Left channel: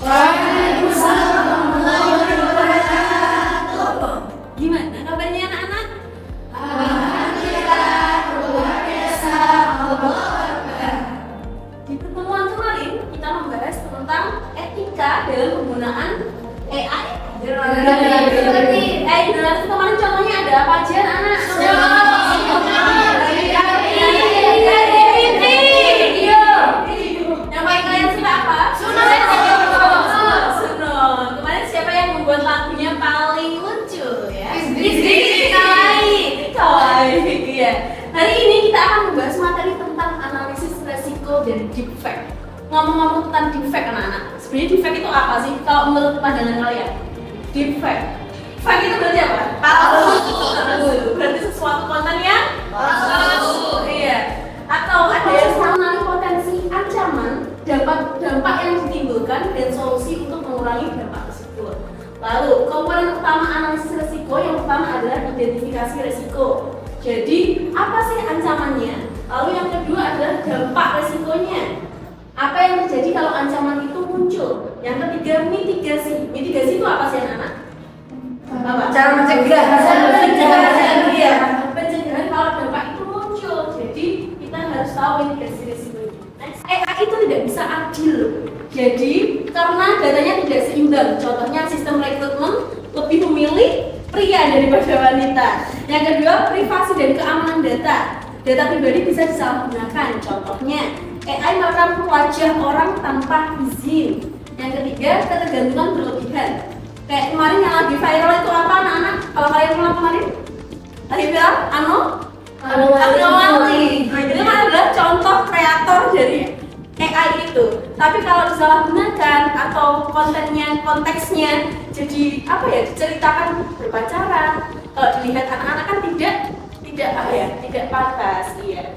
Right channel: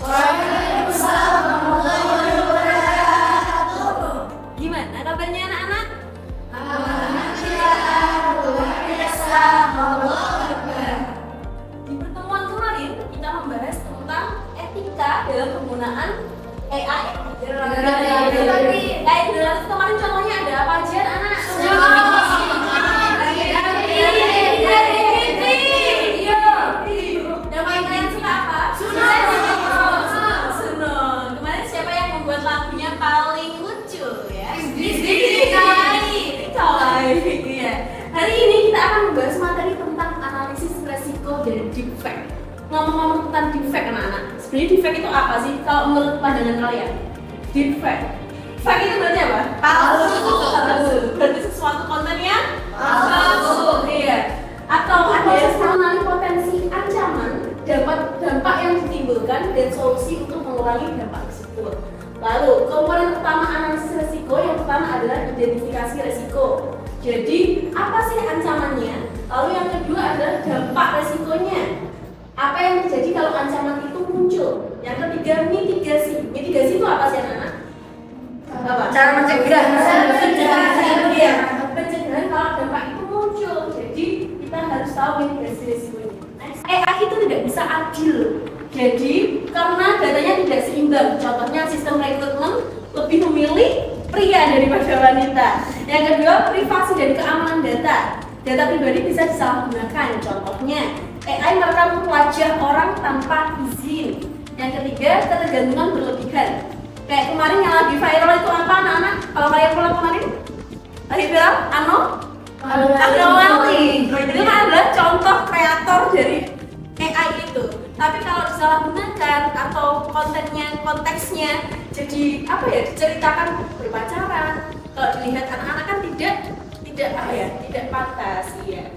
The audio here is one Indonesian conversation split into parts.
Waalaikumsalam warahmatullahi wabarakatuh. Gimana kabarnya anak-anak? Alhamdulillah, luar biasa. Allah Akbar. Di pertemuan kemarin kita membahas tentang etika dalam penggunaan AI. Kemarin contohnya ada apa aja anak-anak? Yang paling kalian suka apa? Sunon. Kemarin siapa yang membuat lagunya paling lucu ya? Kawaii ya. Hari ini kita akan membahas materi tentang analisis resiko dari deepfake. Ngomong-ngomong tentang deepfake anak-anak, sebenarnya deepfake itu apa sih? Kalau menurut pandangan kalian, deepfake, fake itu berarti apa? Palsu. Berarti sesuatu konten yang palsu. Iya. Atau ada yang mengenali potensi ancaman, dampak yang ditimbulkan dan solusi untuk mengurangi dampak tersebut. Lalu komponen utama analisis resiko yang pertama adalah identifikasi resiko. Jadi apa sih ancamannya? Lalu yang kedua adalah dampak resikonya. Apa yang terjadi kalau ancaman itu muncul? Yang ketiga mitigasi. Mitigasi itu apa sih anak-anak? Apa? Cara mencegah. Iya. Pencegahan kalau dampak itu muncul. Jadi kita harus tahu mitigasi resikonya. Next. AI itu tidak bisa adil. Jadi karena datanya tidak seimbang. Contohnya sistem rekrutmen lebih memilih pria daripada wanita. Yang kedua privasi dan keamanan data. Data pribadi bisa disalahgunakan. Contohnya AI merekam wajah orang tanpa izin. Yang ketiga ketergantungan berlebihan. Kayak kemarin yang lagi viral itu apa anak-anak? Kalau kalian pulang kemarin lagi viral Wali. Itu kan adalah contoh kreator dari AI itu. Tapi kalau disalahgunakan atau konteksnya jadi apa ya, diceritakan berpacaran, kalau dilihat anak-anak kan tidak pantas ya.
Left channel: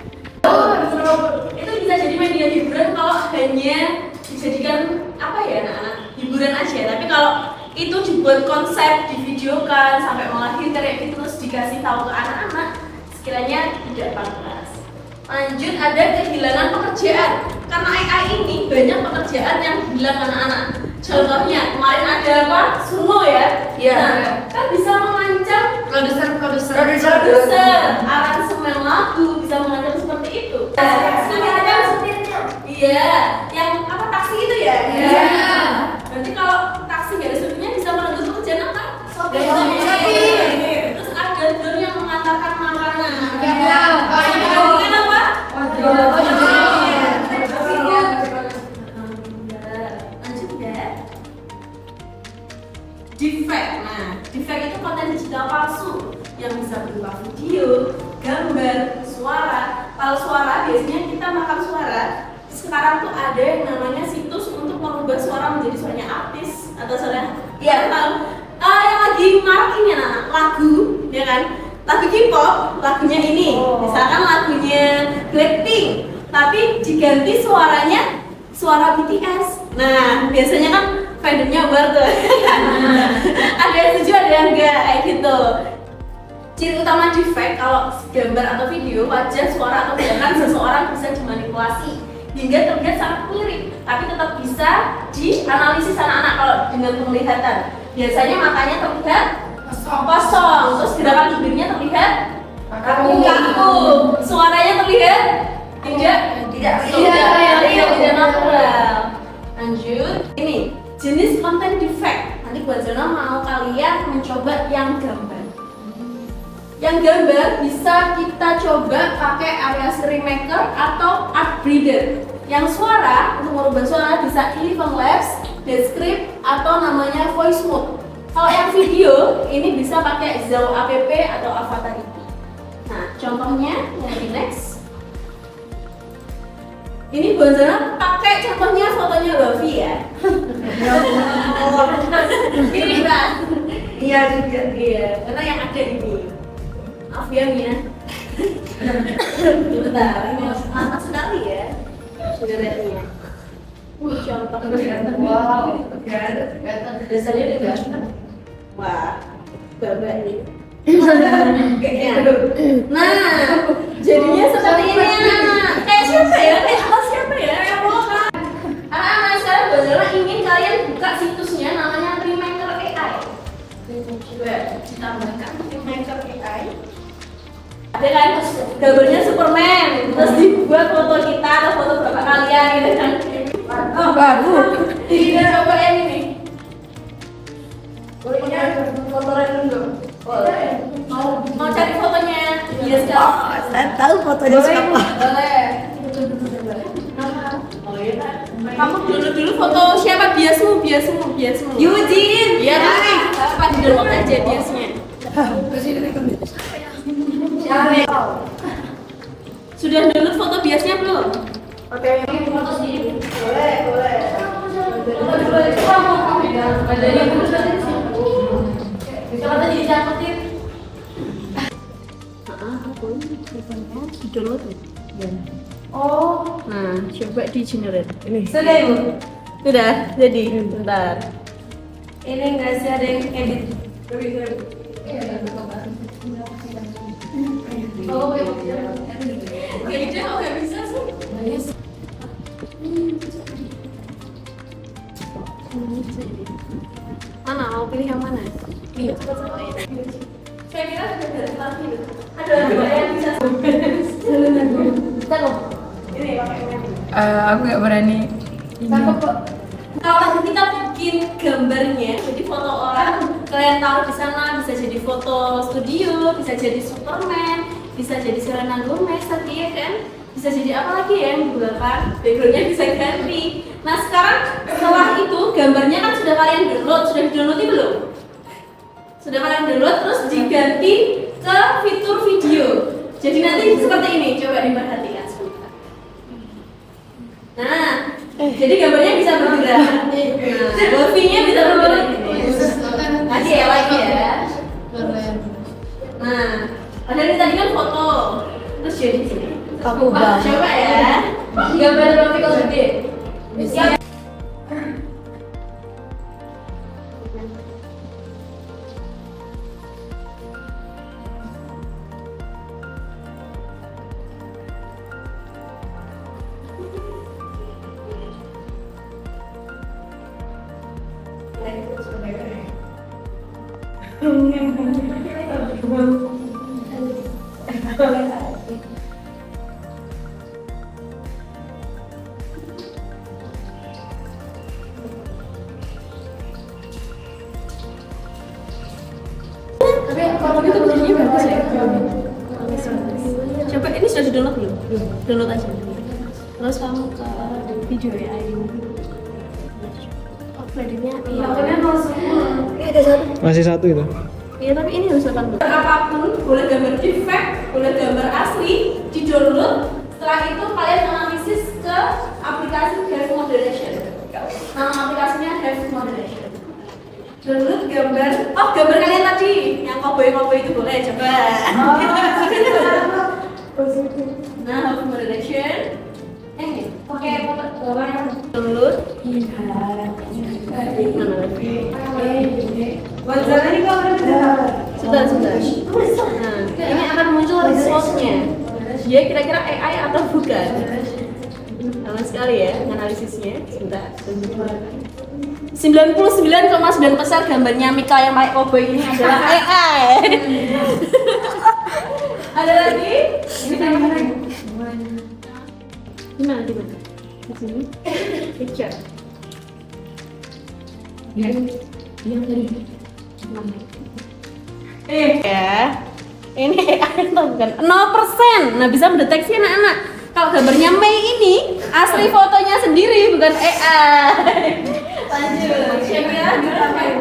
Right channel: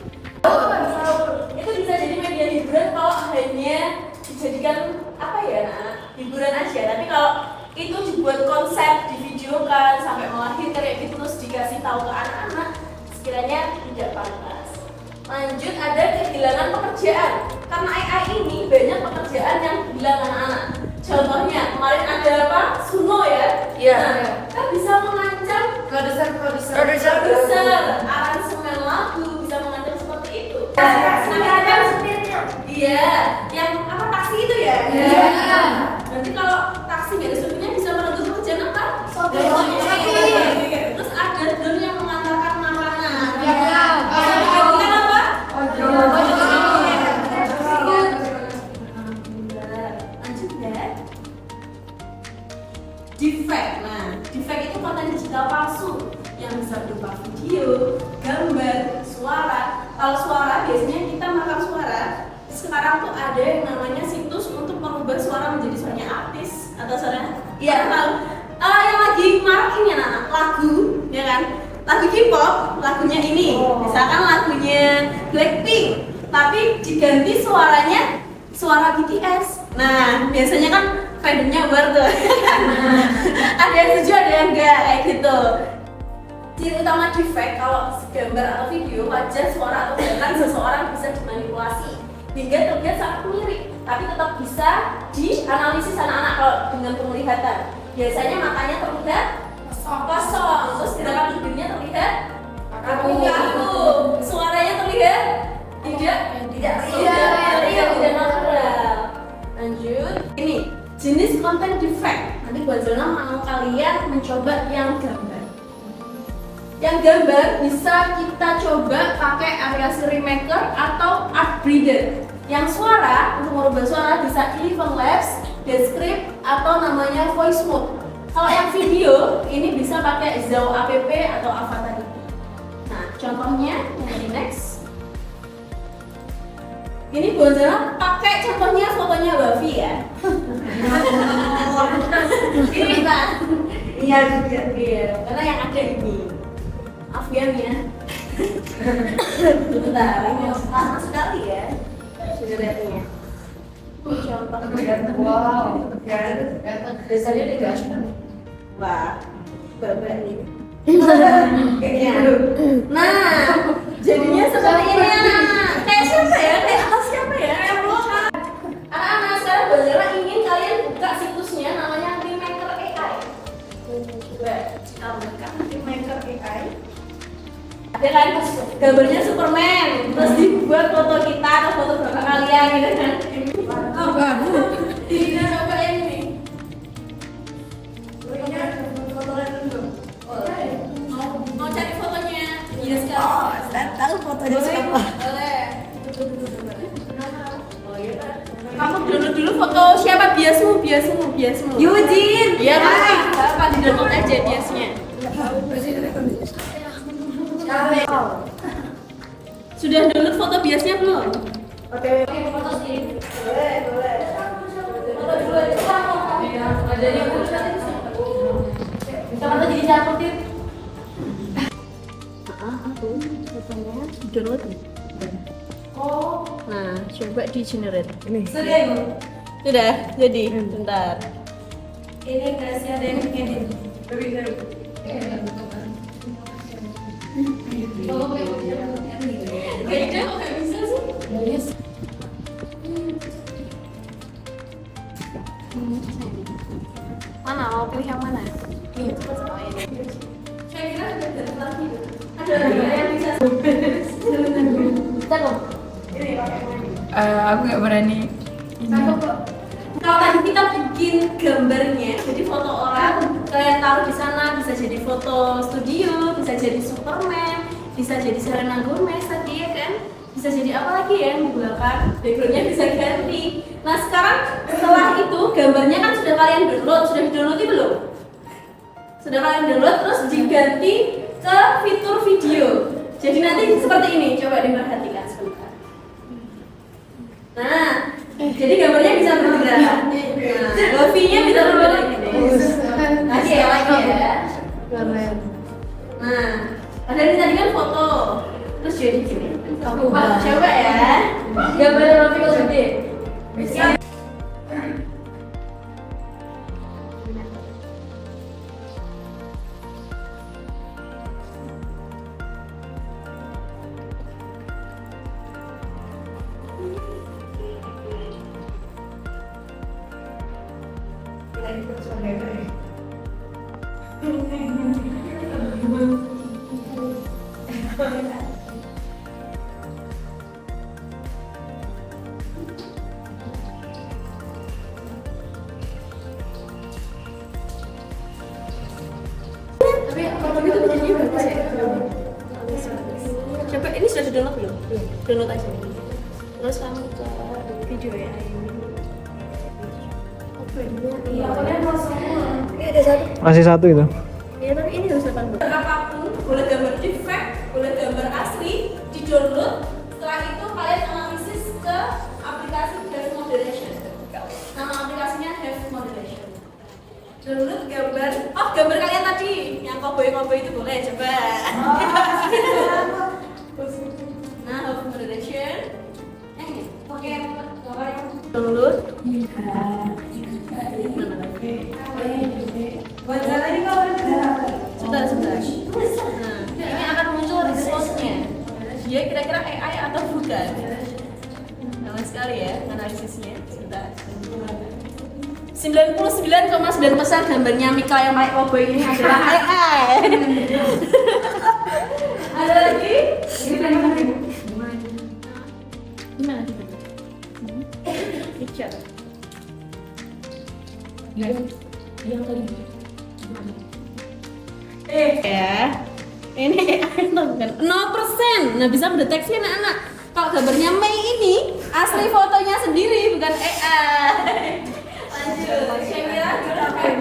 Itu bisa jadi media hiburan kalau hanya dijadikan apa ya anak-anak, hiburan aja. Tapi kalau itu dibuat konsep, divideokan sampai melahirkan kayak gitu terus dikasih tahu ke anak-anak, sekiranya tidak pantas. Lanjut, ada kehilangan pekerjaan. Karena AI ini banyak pekerjaan yang hilang anak-anak. Contohnya kemarin ada apa? Suno ya. Iya. Nah, kan bisa mengancam Produser. aransemen lagu, bisa mengancam seperti itu. Iya. Iya, yang apa taksi itu ya? Iya. Berarti kalau taksi nggak ada supirnya bisa merenggut pekerjaan apa? Sopir. Terus ada drone yang mengantarkan makanan. Iya. Menggantikan apa? Lanjut ya. Deepfake. Nah, deepfake itu konten digital palsu yang bisa berupa video, gambar, suara. Kalau suara biasanya kita merekam suara. Sekarang tuh ada yang namanya situs untuk merubah suara menjadi suaranya artis atau suara tahu. Yang lagi marak ini anak lagu, ya kan? Lagu K-pop, lagunya ini, misalkan lagunya Blackpink, tapi diganti suaranya suara BTS. Nah, biasanya kan fandomnya war tuh. Ada yang setuju, ada yang enggak, kayak gitu. Ciri utama deepfake kalau gambar atau video, wajah, suara atau gerakan seseorang bisa dimanipulasi hingga terlihat sangat mirip, tapi tetap bisa dianalisis anak-anak kalau dengan penglihatan. Biasanya matanya terlihat kosong, terus gerakan bibirnya terlihat kaku, suaranya terlihat tidak natural. Lanjut, ini jenis konten deepfake. Nanti buat Zona mau kalian mencoba yang gambar. Yang gambar bisa kita coba pakai aplikasi Remaker atau Artbreeder. Yang suara, untuk merubah suara bisa Eleven Labs, Descript atau namanya Voice Mode. Kalau yang video, ini bisa pakai Zao App atau Avatarity. Nah, contohnya yang di next. Ini Bonzana pakai contohnya fotonya Bavi ya. Ini Mbak. Iya juga. Iya, karena yang ada ini. Maaf ya Mia. Bentar, ini lama sekali ya. Sebenarnya. Contoh. Wow. Dasarnya udah ganteng. Wah, babak nih. Nah, jadinya seperti ini anak. Kayak siapa ya? Kayak atas siapa ya? Anak-anak sekarang Bonzana ingin kalian gambarnya Superman, terus dibuat foto kita atau foto bapak kalian gitu kan. Babu. Kita coba yang ini. Bolehnya foto random dong. Mau cari fotonya? Iya sekarang. Saya tahu fotonya Boleh, siapa. boleh. Kamu dulu foto siapa? Biasmu. Yujin. Iya pasti. Apa di download aja biasnya. Sudah download foto biasnya belum? Oke. Foto sendiri. Boleh. Ada yang bisa kata jadi catetin. Fotonya di download. Oh. Nah, coba di generate. Ini. Sudah Ibu? Sudah, jadi bentar. Ini nggak sih ada yang edit? Kayaknya kok nggak bisa sih? Mana? Mau pilih yang mana? Iya. Oh, ini. Saya kira sudah dari tadi. Ada yang bisa. Kita kok. Ini pakai ini. Aku nggak berani. Kalau tadi kita bikin gambarnya, jadi foto orang, kalian taruh di sana bisa jadi foto studio, bisa jadi Superman, bisa jadi Selena Gomez tadi ya kan, bisa jadi apa lagi ya yang di belakang, backgroundnya bisa ganti. Nah sekarang setelah itu gambarnya kan sudah kalian download, sudah di-download belum? Sudah kalian download terus diganti ke fitur video. Jadi nanti seperti ini, coba diperhatikan sebentar. Nah, jadi gambarnya bisa bergerak. Nah, lofi-nya bisa bergerak ini. Nanti ya lagi ya. Nah, padahal ini tadi kan foto. Terus jadi gini. Coba ya. Gambar lofi kalau gede. Bisa. Tapi itu bentuknya bagus ya. Coba ini sudah di-download belum? Download aja. Terus kamu ke video ya ini. Upload-nya iya. Ini ada satu. Masih satu itu. Iya tapi ini harus 80. Apapun, boleh gambar defect, boleh gambar asli, di-download. Setelah itu kalian analisis ke aplikasi Have Moderation. Nama aplikasinya Have Moderation. Download gambar, gambar kalian tadi, yang cowboy itu boleh coba. Nah, Have Moderation. Ini, pakai gambar yang download. Mana lagi? Wajah ini kau Sebentar. Nah, ini akan muncul resultnya. Dia kira-kira AI atau bukan? Lama sekali ya analisisnya. Sebentar. 99,9% gambarnya Mika yang pakai cowboy ini adalah AI. Ada lagi? Gimana? Di sini. Picture. Yang tadi. Ya. Ini AI atau bukan? 0%. Nah, bisa mendeteksi anak-anak. Kalau gambarnya Mei ini asli fotonya sendiri bukan AI. Lanjut. Siapa kita main?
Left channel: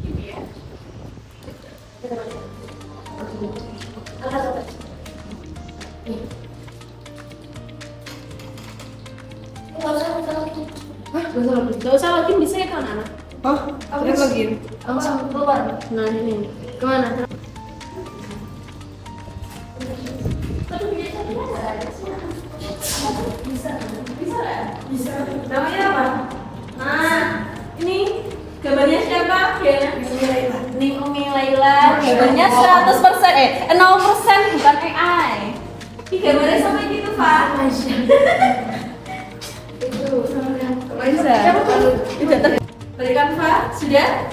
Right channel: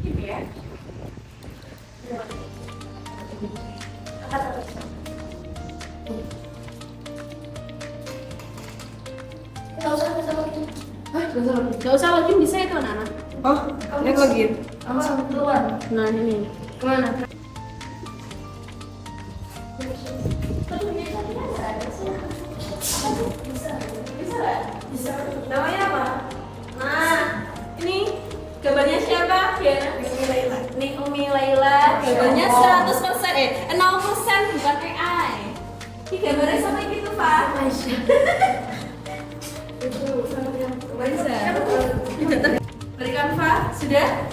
Ini ya. Gak usah login bisa itu anak-anak. Oh, ini login. Langsung keluar. Nah ini kemana? Bisa. Namanya apa? Nah, ini gambarnya siapa? Nih Umi Laila. Gambarnya 100%, 0% bukan AI. Ini gambarnya sama gitu, Pak. Bisa. Tidak berikan Pak, sudah?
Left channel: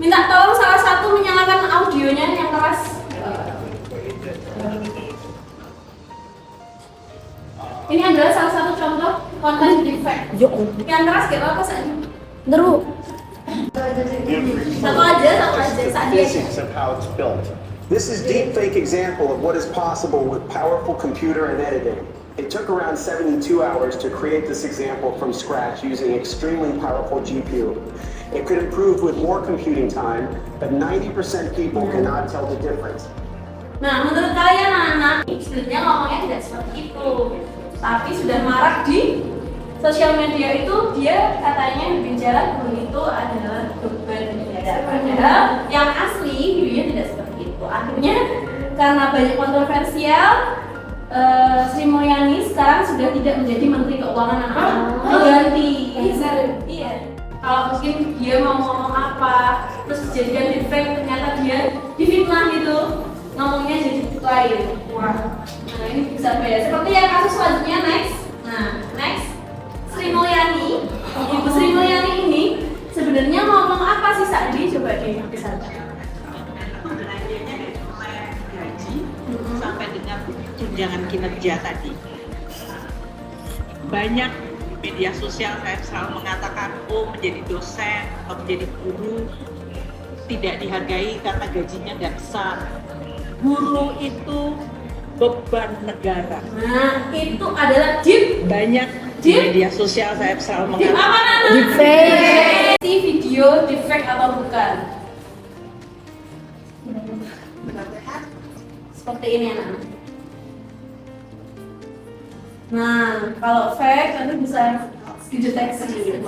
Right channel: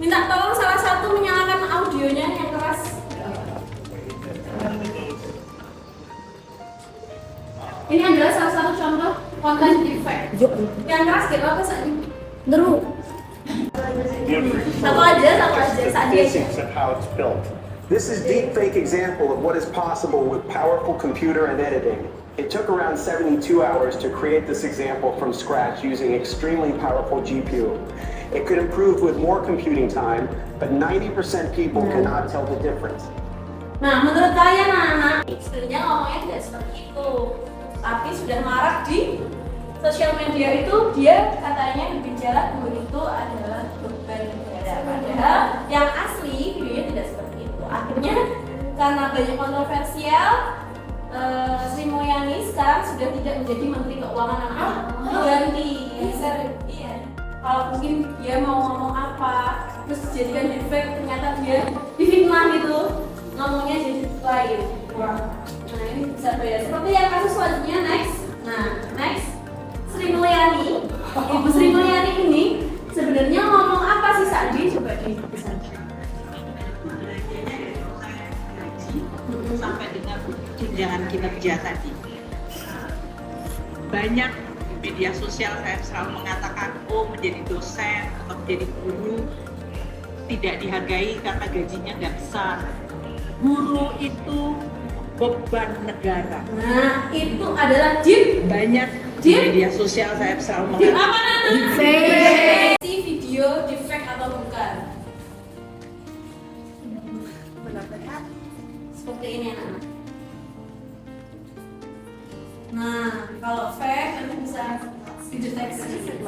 Minta tolong salah satu menyalakan audionya yang keras. Ini adalah salah satu contoh konten defect. Yang keras gak apa-apa saat ini. Terus. Satu aja saat dia. Physics of how it's built. This is deepfake example of what is possible with powerful computer and editing. It took around 72 hours to create this example from scratch using extremely powerful GPU. It could improve with more computing time, but 90% people cannot tell the difference. Nah, menurut kalian anak-anak, sebenarnya ngomongnya tidak seperti itu. Tapi sudah marak di sosial media itu, dia katanya bicara dulu itu adalah beban negara. Padahal yang asli videonya tidak seperti itu. Akhirnya karena banyak kontroversial, Sri Mulyani sekarang sudah tidak menjadi Menteri Keuangan anak-anak. Diganti. Iya. Kalau mungkin dia mau ngomong apa, terus dijadikan defect, ternyata dia difitnah gitu, ngomongnya jadi lain. Wah. Nah ini bisa beda. Seperti yang kasus selanjutnya next. Nah next, Sri Mulyani, Ibu Sri Mulyani ini sebenarnya ngomong apa sih Sandi? Coba disampaikan. Sampai dengan tunjangan kinerja tadi. Banyak di media sosial saya selalu mengatakan, menjadi dosen atau menjadi guru tidak dihargai karena gajinya nggak besar. Guru itu beban negara. Nah itu adalah deep. Banyak di media sosial saya selalu Deep mengatakan. apa Nana? Deepfake. Si video defect atau bukan? Seperti ini anak-anak. Nah, kalau fake nanti bisa dideteksi.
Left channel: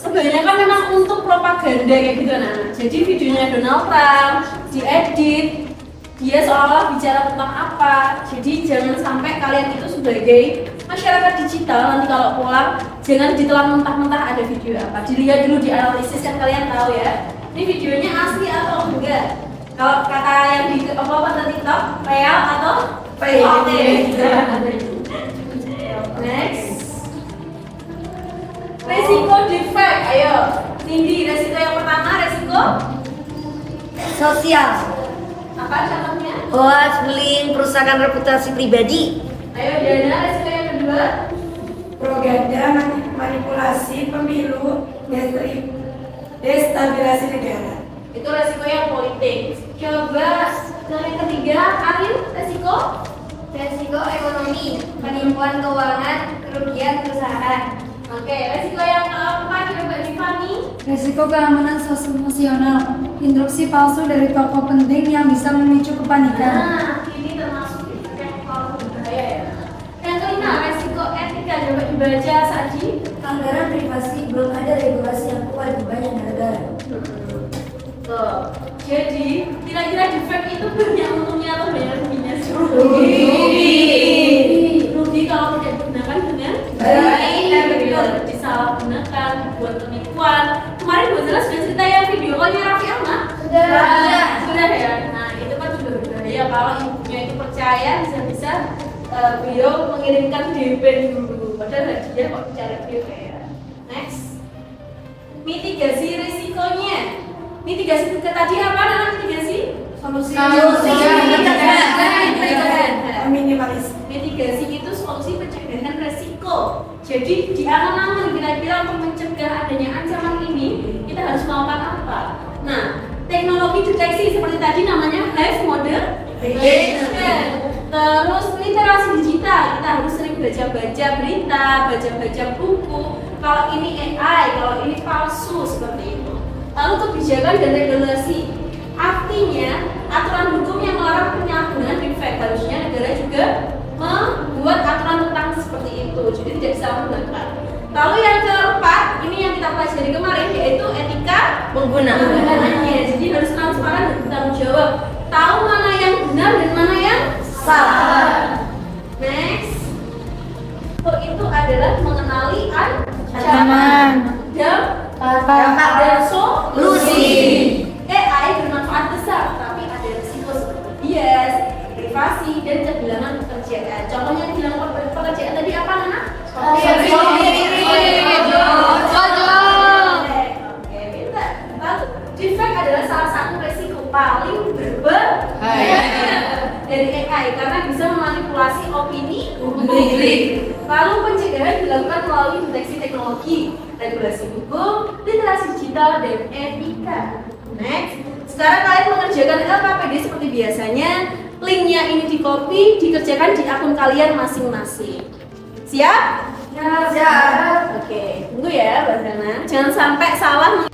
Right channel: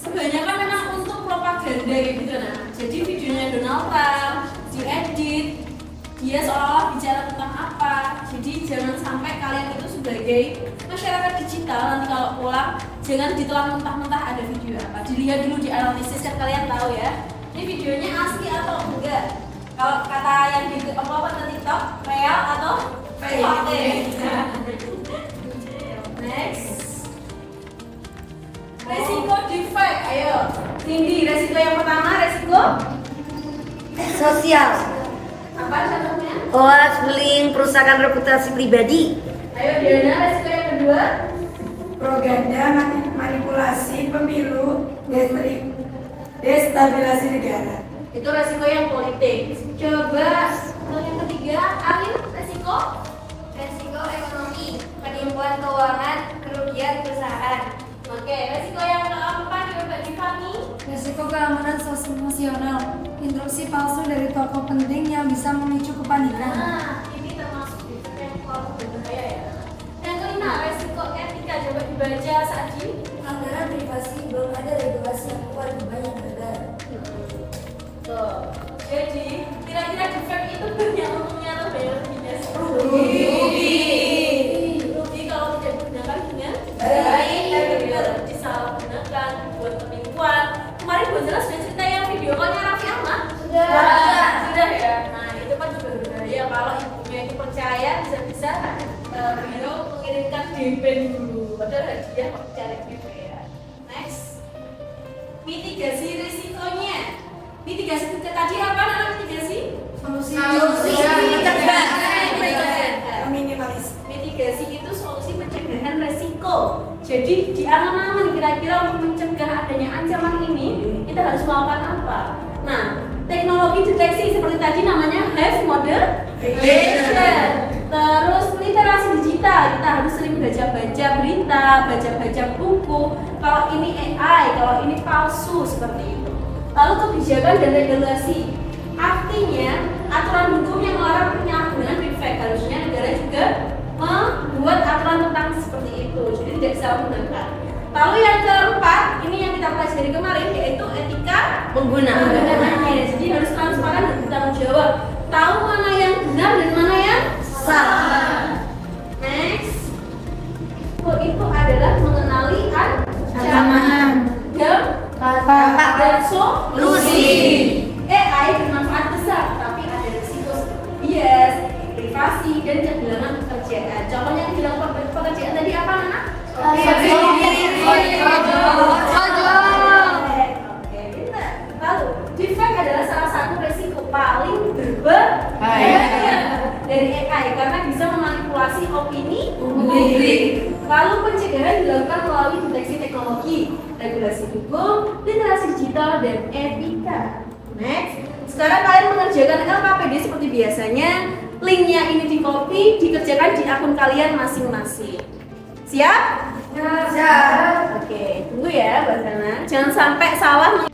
Kebanyakan memang untuk propaganda kayak gitu anak-anak. Jadi videonya Donald Trump diedit, dia seolah-olah bicara tentang apa. Jadi jangan sampai kalian itu sebagai masyarakat digital nanti kalau pulang jangan ditelan mentah-mentah ada video apa. Dilihat dulu, dianalisis kan kalian tahu ya. Ini videonya asli atau enggak? Kalau kata yang di TikTok, real atau fake? Next, resiko defect. Ayo, Cindy, resiko yang pertama resiko Sosial. apa contohnya? Hoax, bullying, perusakan reputasi pribadi. Ayo Diana, resiko yang kedua. Propaganda, manipulasi pemilu, destabilisasi negara. Itu resiko yang politik. Coba yang ketiga, Arin, resiko Ekonomi, penipuan keuangan, kerugian perusahaan. Oke, resiko yang keempat coba Tiffany. Risiko keamanan sosial, instruksi palsu dari tokoh penting yang bisa memicu kepanikan. Nah, ini termasuk yang paling berbahaya ya. Yang kelima, resiko etika. Coba dibaca Saji. Anggaran privasi, belum ada regulasi yang kuat di banyak negara. Tuh. Jadi, kira-kira defect itu banyak untungnya atau banyak ruginya sih? Rugi kalau tidak digunakan dengan baik, disalahgunakan, dibuat penipuan. Kemarin Bu Zela sudah cerita yang video call-nya Raffi Ahmad. Sudah ya. Nah, itu kan juga berbahaya kalau ibunya itu percaya bisa-bisa beliau mengirimkan DP dulu. Padahal dia kok cari DP ya. Next, mitigasi risikonya. Mitigasi tadi apa namanya mitigasi? Solusi. Minimalis. Mitigasi itu solusi pencegahan resiko. Jadi di angan-angan kira-kira untuk mencegah adanya ancaman ini kita harus melakukan apa? Nah, teknologi deteksi seperti tadi namanya hive modernization. Terus literasi digital, kita harus sering baca-baca berita, baca-baca buku. Kalau ini AI, kalau ini palsu seperti itu. Lalu kebijakan dan regulasi, artinya aturan hukum yang melarang penyalahgunaan defect. Harusnya negara juga membuat aturan tentang seperti itu, jadi tidak disalahgunakan. Lalu yang keempat, ini yang kita pelajari kemarin yaitu etika penggunaannya. Jadi harus transparan dan bertanggung jawab. Tahu mana yang benar dan mana yang salah. Next, itu adalah mengenali ancaman dan solusi. AI bermanfaat besar, tapi ada risiko seperti bias, privasi, dan kehilangan pekerjaan. Contohnya kehilangan pekerjaan tadi apa, Nana? Oke, pintar. Lalu, defect adalah salah satu risiko paling berbahaya dari AI karena bisa memanipulasi opini publik. Lalu pencegahan dilakukan melalui deteksi teknologi, regulasi hukum, literasi digital, dan etika. Next, sekarang kalian mengerjakan LKPD seperti biasanya. Linknya ini di copy, dikerjakan di akun kalian masing-masing. Siap? Siap. Oke, tunggu ya Mbak Zana. Jangan sampai salah.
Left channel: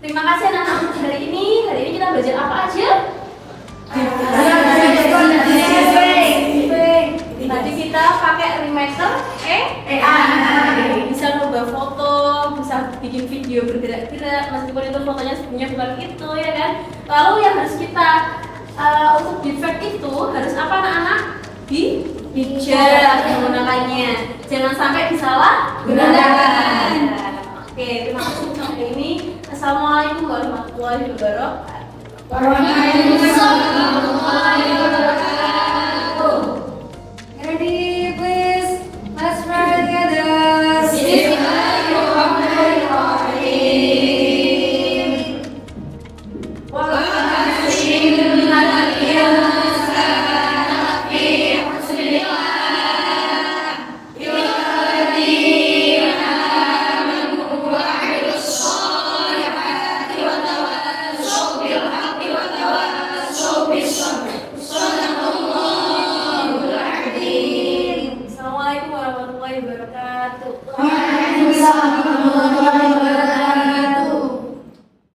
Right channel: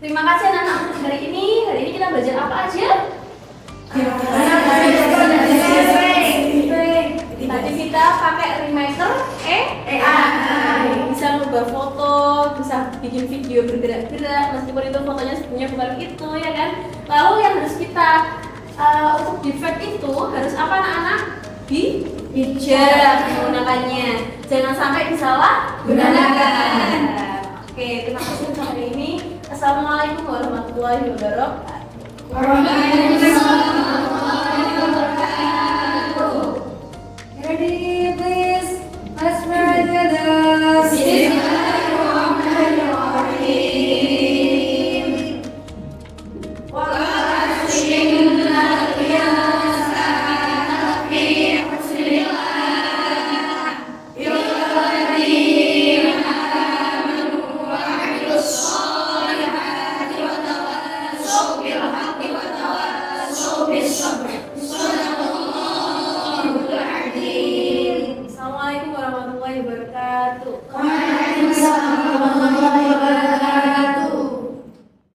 Terima kasih anak-anak untuk hari ini. Hari ini kita belajar apa aja? Tadi kita pakai remaster AI. Bisa ngubah foto, bisa bikin video bergerak-gerak meskipun itu fotonya sebenarnya bukan itu, ya kan? Lalu yang harus kita untuk defect itu harus apa anak-anak? Bijak menggunakannya. Jangan sampai disalahgunakan. Oke, terima kasih untuk hari ini. Assalamualaikum warahmatullahi wabarakatuh. Waalaikumsalam.